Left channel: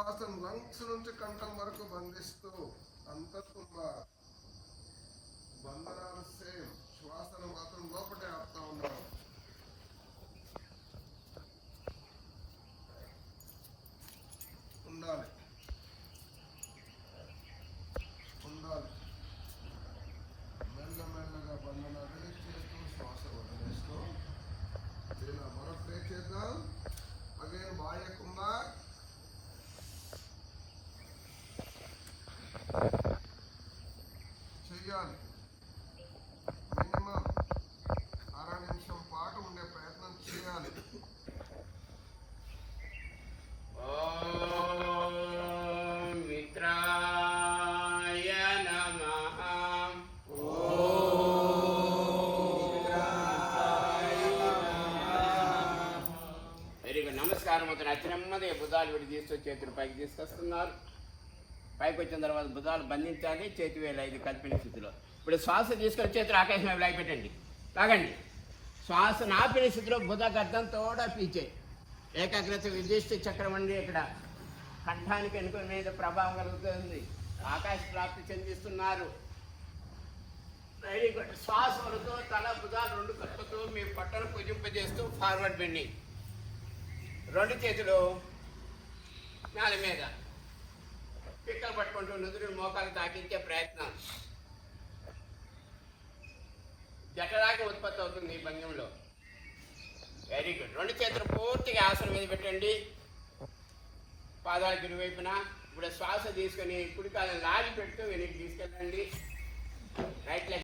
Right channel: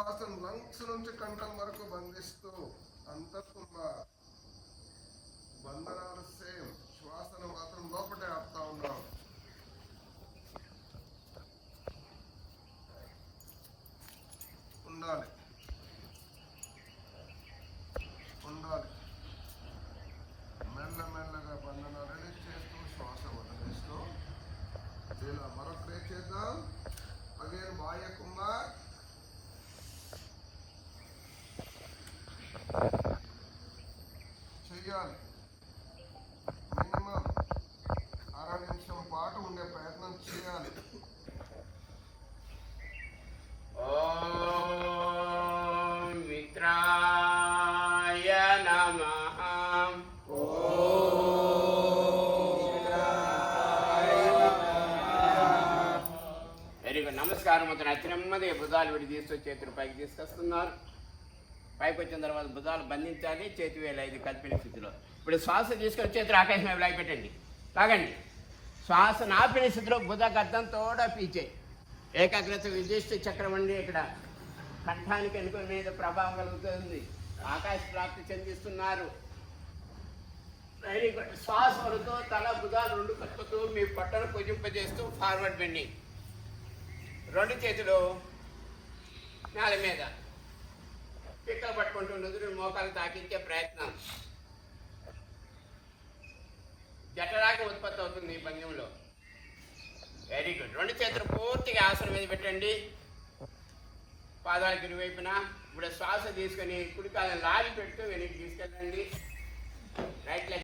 శ్వాసను లంగ్స్ నుంచి కంఠం వరకు బంధిస్తూ అంతర్కుంభ బంధనాలు సేమ్, శ్వాసను మాత్రం లోపటే ఆపుతా ఉన్నాం. ఉండాలి ఉండాలి. మెల్లమెల్లగా బంధనాలు రిలీజ్ చేస్తూ శ్వాస వదిలేస్తూ ఇలా మరొక ట్రై చేద్దాం. అగైన్ బాహ్య కుంభ చెయ్యాలి. మినిమం 6 నిమిషం పాటు ఉండే ప్రయత్నం చేయాలి. ఓం మిత్రాయ నమః. Very good. నమస్కారం. నెమ్మదిగా భుజాలు విడి తీసుకొచ్చి చేతులు పైకి తీసుకొస్తున్నారు. పైకి వచ్చిన తర్వాత భుజాలు బంధించాలి. చేతి వేలు 5 కల్పిన స్థితిలో. ఇప్పుడు శ్వాస తీసుకొని చేతులు ఆకాశం వైపు పెట్టండి. తాగండి. శ్వాస ఆపిన స్థితిలో భుజ గద్దం తోడ పీచే ఏకాగ్రత విశిష్ట చక్రం అండి. ఇక్కడ కంఠానికి అనుకుని మీద ప్రభావం కలుగుతుంది. ఆకాశ ప్రాప్తి చెందిస్తున్నారు. Very good. శ్వాస వరకు తల భుజాలు 2 కలుపుతూ మీ పట్టను కుజింపజేస్తూ ఫార్వర్డ్ బెండింగ్. 2 చేతులు నేల మీద పిక్కలు పట్టుకుంటూ నుదురు మోకాలు తాకించే ప్రయత్నం. జఠరాగ్ని ఉత్పత్తి అవుతుంది ఈ భంగిమలో. Very good. 2 చేతులు పూర్తిగా ఆసనం మీద పెట్టండి. పాదాలకు ఇరువైపున. ఇప్పుడు శ్వాస తీసుకొని కుడికాలను లాగి పెడుతూ వెనక్కి తీసుకెళ్ళండి. Right leg